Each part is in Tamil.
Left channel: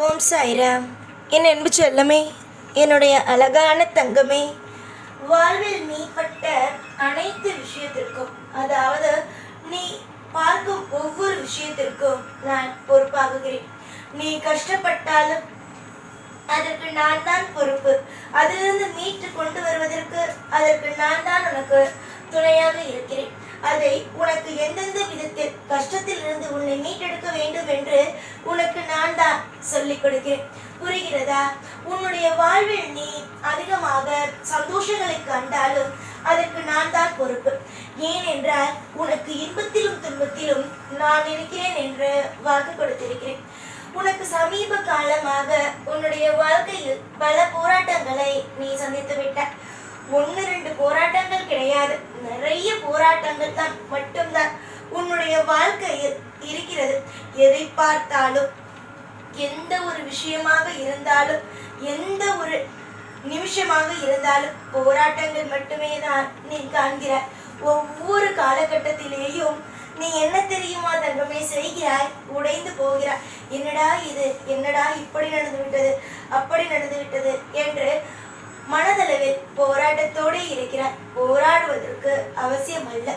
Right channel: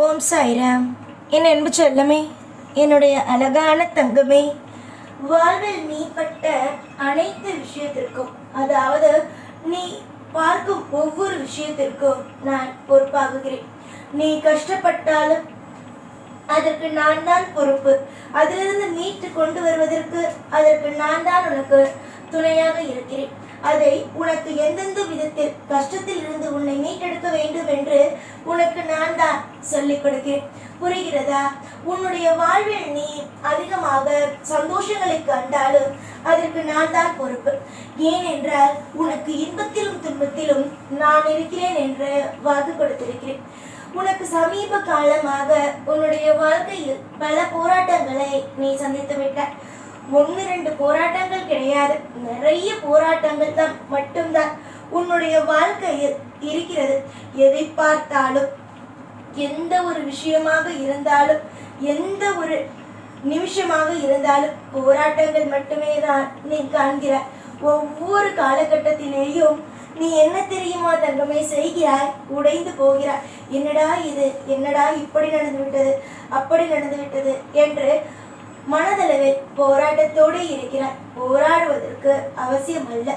ஓம் சாய்ராம். என் அன்பு செல்லமே, என்னுடைய அழகான தங்கமே, வாழ்வில் நீ பட்ட அனைத்து விஷயத்திற்கும், அதாவது நீ பார்க்கும் ஒவ்வொரு விஷயத்திற்கும் நான் பொறுப்பாகுகிறேன். நீ கஷ்டப்பட்டாலும் அதற்கு நான் தான் பொறுப்பு. அதிலிருந்து மீட்டு கொண்டு வருவதற்கு அதற்கு நான் தான் உனக்கு துணையாக இருக்கிறேன். அதை உனக்கு எந்தெந்த விதத்தில் கஷ்டத்தில் இருந்து உன்னை மீட்டெடுக்க வேண்டும் என்று உனக்கு நான் தான் சொல்லிக் கொடுக்கிறேன். புரிகிறதா? உன்னுடைய வாழ்வில் நீ அதிகமாக சந்தோஷங்களை கண்டாலும் அதற்கு நான் தான் பொறுப்பு. ஏனென்றால் உனக்கு இன்பத்திலும் துன்பத்திலும் நான் இருக்கிறேன் என்று வாக்கு கொடுத்திருக்கிறேன். உனக்கு சமீப காலமாக உன்னுடைய வாழ்க்கையில் பல போராட்டங்களை நீ சந்தித்து விட்டாய். 1-2 போராட்டங்கள் கிடையாது, நிறைய போராட்டங்கள் தான் மட்டும்தான் உன்னுடைய வாழ்க்கையில் இருக்கிறது. எதை பார்த்தாலும், எந்த ஒரு விஷயமாக இருந்தாலும், எந்த ஒரு நிமிஷமாக இருந்தாலும் போராட்டங்கள் மட்டுமே தான் நீ காண்கிறாய். ஒவ்வொரு காலகட்டத்திலேயும் நீ என்ன தெரியுமா தங்கமே செய்கிறாய்? உடைந்து போகிறாய். என்னடா இது, என்னடா இப்படி நடந்து விட்டது, அப்படி நடந்து விட்டது என்று மனதளவில் போராட்டத்தோடு இருக்கிறாய். போராடுவதற்கு அவசியம் அல்ல.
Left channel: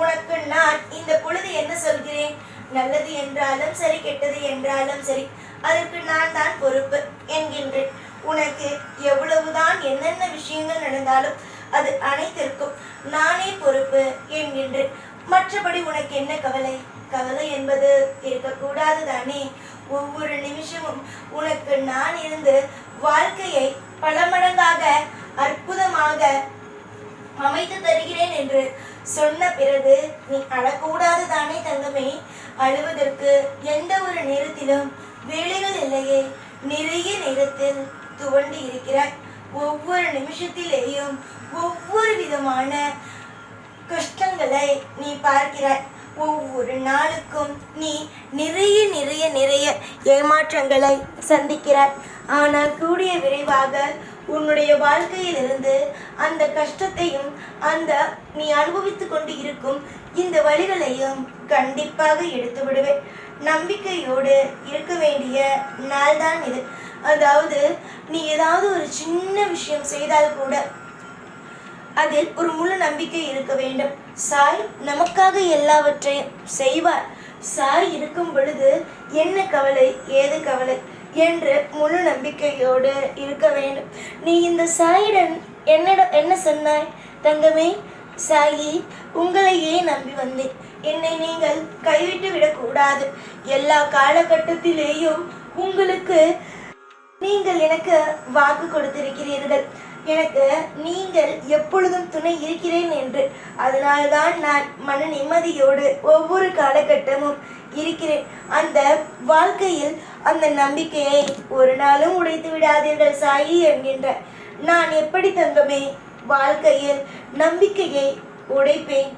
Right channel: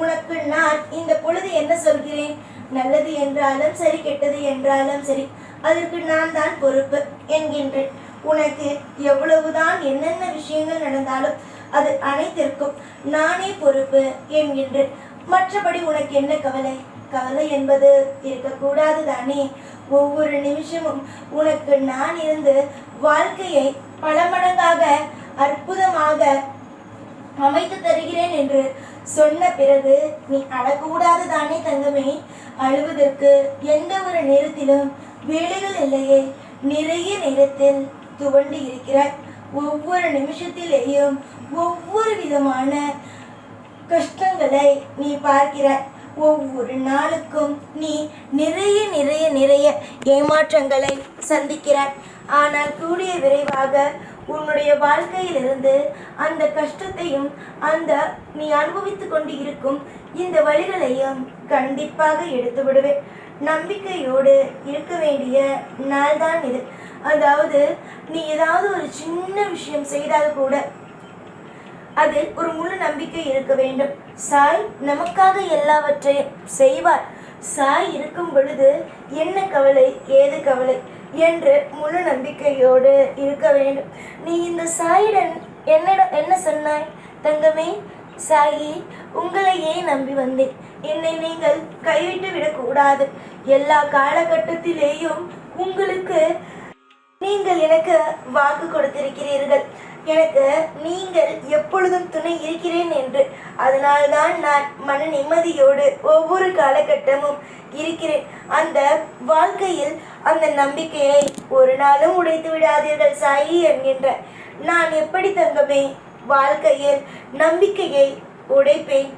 உனக்கு நான் இந்த பொழுது என்ன சொல்கிறேன்? நல்லது என்றாலும் சரி, கெட்டது என்றாலும் சரி, அதற்கு நான் தான் பொறுப்பு என்கின்றேன். உனக்கு எவ்வளவுதான் என்னென்ன விஷயங்கள் நடந்தாலும் அது அனைத்திற்கும் நானே பொறுப்பு என்கின்றேன். மற்றபடி உனக்கு என்ன கவலை? கவலை என்பது இருக்கக்கூடாது தானே? ஒவ்வொரு நிமிஷமும் உனக்கு நான் இருந்து வாழ்க்கையை பல மடங்காக அற்புதமாக அமைத்து தருகிறேன் என்று சொன்ன பிறகு நீ அழக்கூடாது தானே தங்கமே? அழுவதற்கு எந்த ஒரு நேரத்திலும் வேலைகள் இல்லையே. நிறைய நேரத்தில் துவண்டு இருக்கிறாய். ஒவ்வொரு நிமிஷத்திலேயும் ஒவ்வொரு விதமான கஷ்டங்களை நீ பார்க்கிறாய். ஒவ்வொரு நாளுக்கும் நீ நிறைய நிறைய நிறைய ஏமாற்றங்களை சந்திக்கிறாய். ஆனால் கூடிய விரைவாக உன்னுடைய வாழ்க்கையிலிருந்து அந்த கஷ்டத்தையும் அந்த நீ அனுபவித்து கொண்டு இருக்கும் இந்த வழிகளையும் கண்டிப்பாக எடுத்து விடுவேன். நம்பிக்கையோடு இருக்க வேண்டிய நாள் தான் இது. அதாவது நீ ஏதாவது ஒரு சின்ன விஷயம் செய்தால் கூட அதில் ஒரு முழு நம்பிக்கை இருக்க வேண்டும். சாய் நமக்காக எல்லாவற்றையும் செய்வார். சாய் இருக்கும் பொழுது என்ன கவலை, ஏது கவலை என்று முழு நம்பிக்கையோடு இருக்க வேண்டும். நீ இந்த சாயிடன் என்ன சொன்னாய் தங்கமே? சாயி, உங்களையே நம்பி வந்தேன். என்னை நீங்கள் கைவிட்டு விடக்கூடாது. எல்லா காலகட்டத்திலேயும் உங்களுக்கு நீங்கள் எனக்கு வாக்கு கொடுத்திருக்கிறீர்கள். எனக்கு நீங்கள் எப்பொழுதும் துணை இருக்கிறேன் என்று. அதனால்தான் நான் மன நிம்மதியோடு ஒவ்வொரு காலகட்டமும் இருக்கிறேன். அந்த வாழ்க்கையில் அந்த நம்பிக்கையை ஒரு நாளும் உடைத்து விடாதீர்கள் சாயி என்கின்ற. நான் எப்படி தங்கமே வாழ்க்கையில் நம்பிக்கையை உடைப்பேன்?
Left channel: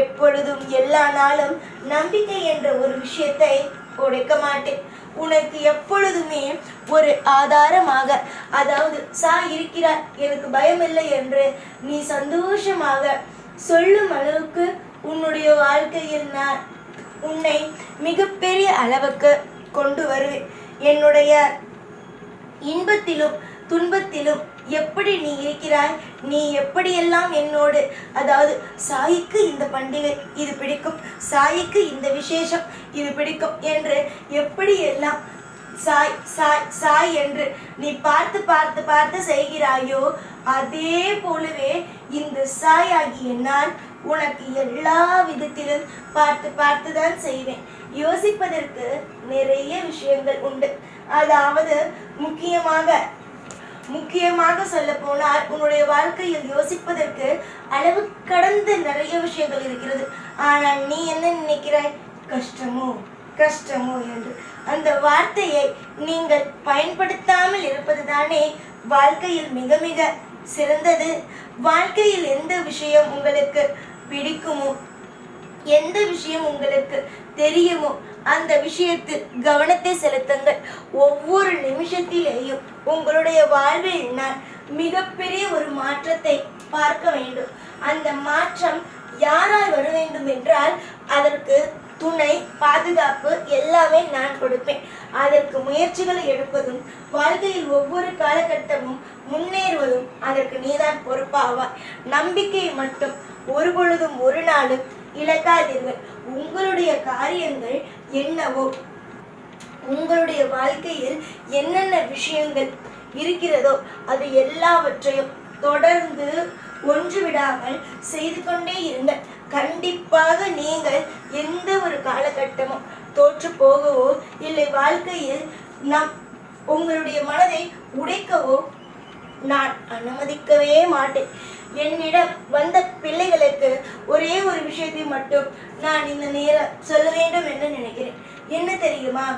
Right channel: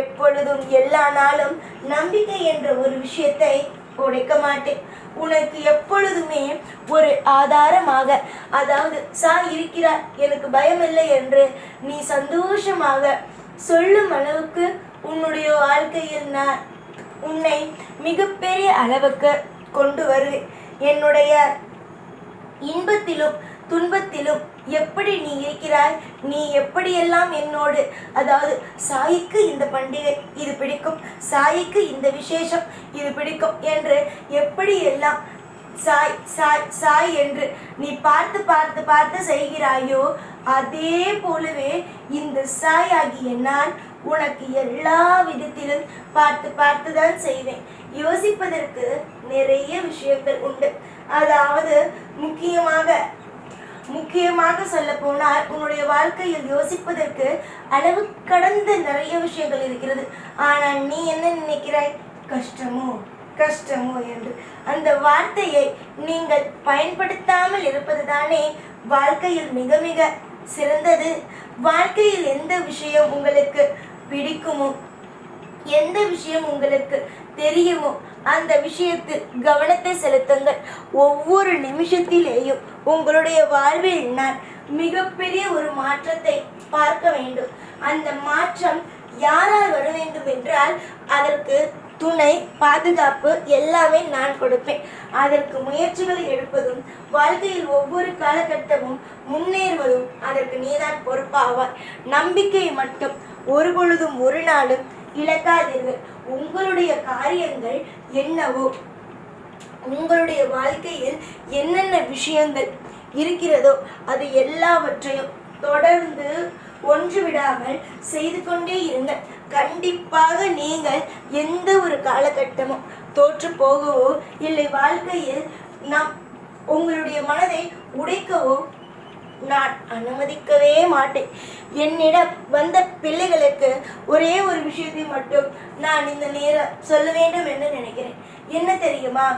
எப்பொழுதும் எல்லா நாளும் நம்பிக்கை என்ற ஒரு விஷயத்தை உடைக்க மாட்டேன். உனக்கு எப்பொழுதுமே ஒரு ஆதாரமாக, அதாவது சாய் இருக்கிறார், எனக்கு பயம் இல்லை என்று நீ சந்தோஷமாக சொல்லும் அளவுக்கு உன்னுடைய வாழ்க்கையில் நான் உன்னை மிகப்பெரிய அளவுக்கு கொண்டு வருவேன். என்னுடைய இன்பத்திலும் துன்பத்திலும் எப்படி நீ இருக்கிறாய், நீ எப்படியெல்லாம் என்னோடு, அதாவது சாய்க்கு இந்த பண்டிகை இது பிடிக்கும், சாய்க்கு இந்த விசேஷம் இது பிடிக்கும் என்று எப்படி எல்லாம் சாய் சாய் சாய் என்று நீ பார்த்து பார்த்து பார்த்து செய்கிறாயோ, அதே போலவே இந்த சாய் ஆகிய நான் உனக்கு எல்லா விதத்திலும் பார்த்து பார்த்து தான் செய்வேன். யோசிப்பதற்கு நிறைய விஷயங்கள் உண்டு. அதாவது முக்கியமாக சொல்ல போனால் உன்னுடைய வாழ்க்கையில் யோசிப்பதற்கு அளவு கடந்த நிறைய விஷயங்கள் இருக்கிறது. ஆனால் நீ என்ன நினைக்கிறாய்? கஷ்டமோ கஷ்டமோ என்று. அந்த வார்த்தையை நீங்கள் பயன்படுத்தாமல் இருப்பது தானே வாழ்க்கையில் மிக மிக சிறந்தது. வாழ்க்கையில் எந்த விஷயம் உங்களுக்கு பிடிக்குமோ, எந்த விஷயம் உங்களுக்கு தெரியுமோ அந்த விஷயத்தில் கவனத்தை செலுத்துங்கள். ஒவ்வொரு நிமிஷத்திலேயும் உங்களுடைய வாழ்வில் நான் மிகப்பெரிய ஒரு மாற்றத்தை பார்க்க வேண்டும். அந்த மாற்றம் யாரால் வர வேண்டும் என்றால் அதற்கு துணை, பாதுகாப்பு எல்லாமே நான் கொடுப்பேன். அதற்கு முயற்சிகளை எடுப்பதும் வாழ்க்கையில் ஒவ்வொரு காலகட்டமும் முன்னேறுவதும் அதற்கு நீதான் பொறுப்பாவாய். நம்பிக்கையை மட்டும் ஒரு பொழுதும் ஒரு நாளும் இழக்காதீர்கள். உங்களுடைய காரியங்கள் என்னவோ, உங்களுடைய வாழ்க்கையில் என்னென்ன விஷயங்கள் இருக்கிறதோ அது எல்லாவற்றையும் தொடர்ந்து ஒன்று விடாமல் செய்து கொண்டே இருங்கள். கண்டிப்பாக நீங்கள் எந்த ஒரு காலகட்டமும் தோற்று போகவோ இல்லை வாழ்க்கையில் உங்களுடைய மனதை உடைக்கவோ நான் அனுமதிக்கவே மாட்டேன். என்னிடம் வந்த பிள்ளைகளுக்கு ஒரே ஒரு விஷயத்தை மட்டும் நான் இந்த நேரம் சொல்ல வேண்டும் என்று நினைக்கிறேன். என்ன தெரியுமா?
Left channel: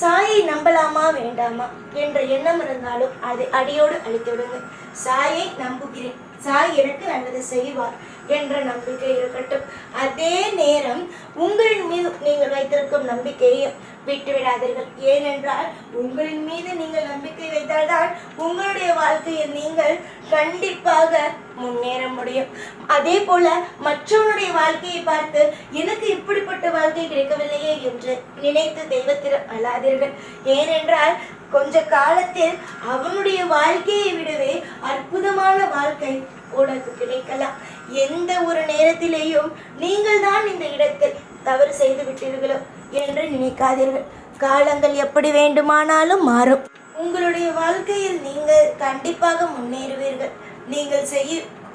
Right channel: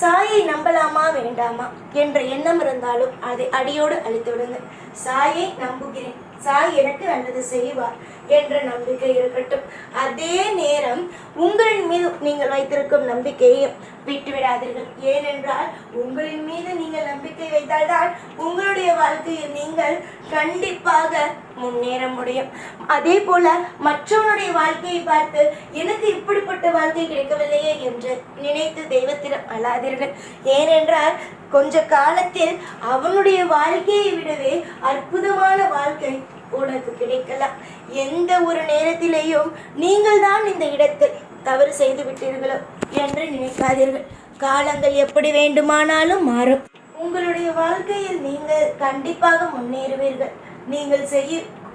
சாயை நம்பலாமா வேண்டாமா என்ற எண்ணம் இருந்தாலும் அதை அடியோடு அழித்து விடுங்கள். சாயை நம்புகிறேன், சாய் எனக்கு நல்லது செய்வார் என்ற நம்பிக்கை இருக்கட்டும். அதே நேரம் உங்களின் மீது நீங்கள் வைத்திருக்கும் நம்பிக்கையையும் விட்டுவிடாதீர்கள். ஏனென்றால் உங்களின் மீது நீங்கள் நம்பிக்கை வைத்தால்தான் உங்களுடைய வாழ்க்கையில் நீங்கள் கண்டிப்பாக முன்னேற முடியும். அதே போல மற்றவனுடைய வாழ்க்கையை பார்த்து எனக்கு இப்படிப்பட்ட வாழ்க்கை கிடைக்கவில்லையே என்று நினைத்து தெய்வத்திடம் அழாதீர்கள். ஏனென்றால் கொஞ்ச காலத்தில் அவனுடைய வாழ்க்கையை விடவே அற்புதமான வாழ்க்கை உனக்கு கிடைக்கலாம். எந்த ஒரு நேரத்திலேயும் நீங்கள் தான் இந்த இடத்தில் தவறு செய்து விட்டீர்களோ என்று நினைக்காதீர்கள். காலங்கள் எப்படி வேண்டுமானாலும் மாறும். உங்களுடைய வாழ்க்கையில் நீங்கள் கண்டிப்பாக முன்னேறுவீர்கள். நீங்கள்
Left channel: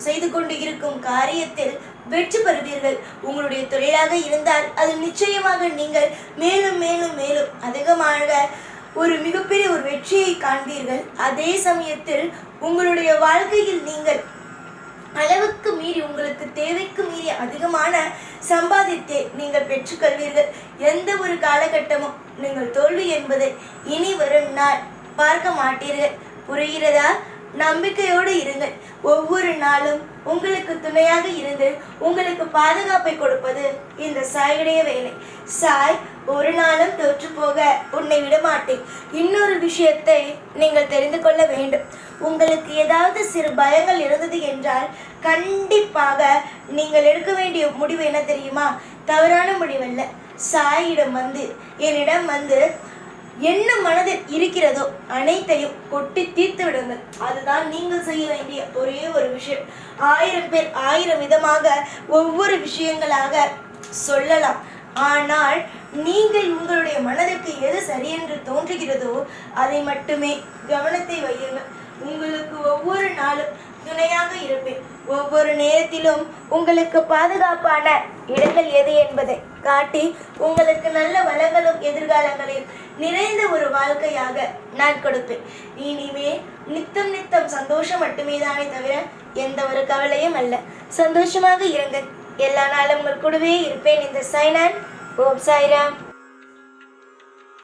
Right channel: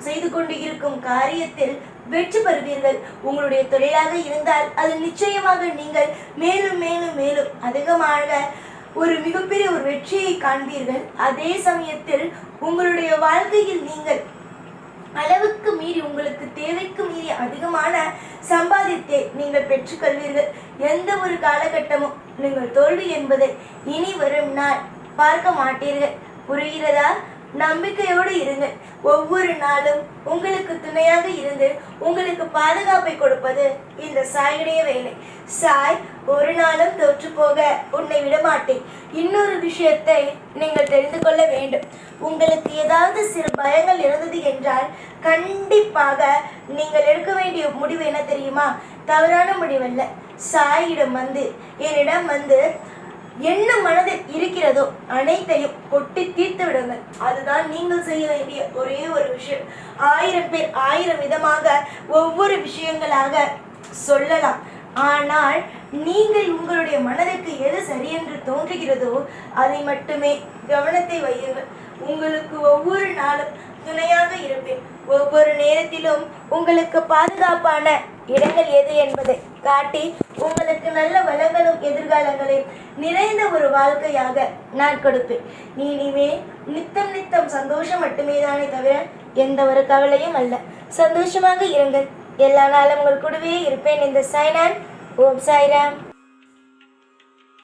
செய்து கொண்டு இருக்கும் காரியத்தில் வெற்றி பெறுவீர்கள். உங்களுடைய தொழிலாக இருந்தால் அது நிச்சயமாக நீங்கள் மேலும் மேலும் மேலும் அதிகமாக ஒரு மிகப்பெரிய ஒரு வெற்றியை காண்பீர்கள். அதே சமயத்தில் உங்களுடைய வாழ்க்கையில் நீங்கள் அளவுக்கு மீறி உங்களுக்கு தேவைக்கு மீறி அதிகமான சம்பாதித்தே நீங்கள் பெற்றுக்கொள்வீர்கள். எந்த ஒரு காலகட்டமும் நீங்கள் தோல்வி என்பதை இனி வரும் நாள் பார்க்க மாட்டீர்கள். புரிகிறதா? நம்பிக்கையோடு இருங்கள். ஒவ்வொரு நாளும் உங்களுக்கு துணையாக இருந்து உங்களுக்கு பாதுகாப்பை கொடுப்பது இந்த சாயுடைய வேலை. சாய் ஒரு நாளும் தோற்று போக உன்னை விடமாட்டேன். இன்னொரு விஷயத்தை நீங்கள் தெரிந்து கொள்ள வேண்டும். உங்களுக்கு ஏதாவது சிறு பயங்கள் இருந்தது என்றால் கண்டிப்பாக நீங்கள் எடுக்க வேண்டிய முடிவு என்ன தெரியுமா? தவறான முடிவல்ல. சாயிடம் என்னிடம் என்ன மனதில் இருக்கிறதோ அனைத்தையும் கொட்டி தீர்த்து விடுங்கள். அதுதான் நீங்கள் செய்ய வேண்டிய ஒரே ஒரு விஷயம். 1000 பேர் 1000 விதமாக ஒவ்வொரு விஷயங்களாக சொல்லலாம். ஆனால் நீங்கள் உங்களுடைய மனதிற்கு எது சரியென்று தோன்றுகிறதோ அதை மட்டுமே கவனத்தை வையுங்கள். உங்களுக்கு ஒவ்வொரு நாளும் துணையாக இருப்பேன். ஒவ்வொரு நேரத்திலும் உங்களுக்கு பாதுகாப்பான இடங்கள் எது என்பதை காட்டி உங்களுக்கு நல்ல வளங்களும் எதிர்காலங்களையும் நிறைந்த ஒரு வாழ்க்கையாக நான் கொடுப்பேன். இனிமே நித்தம் நித்தம் சந்தோஷம் மட்டுமே தானே தவிர எந்த ஒரு கவலையும் அல்ல. சந்தோஷமாக இருங்கள். எல்லா நாளும் உங்கள் கூடவே இருப்பேன். இந்த சாய்நாள். ஓம் சாய்ராம்.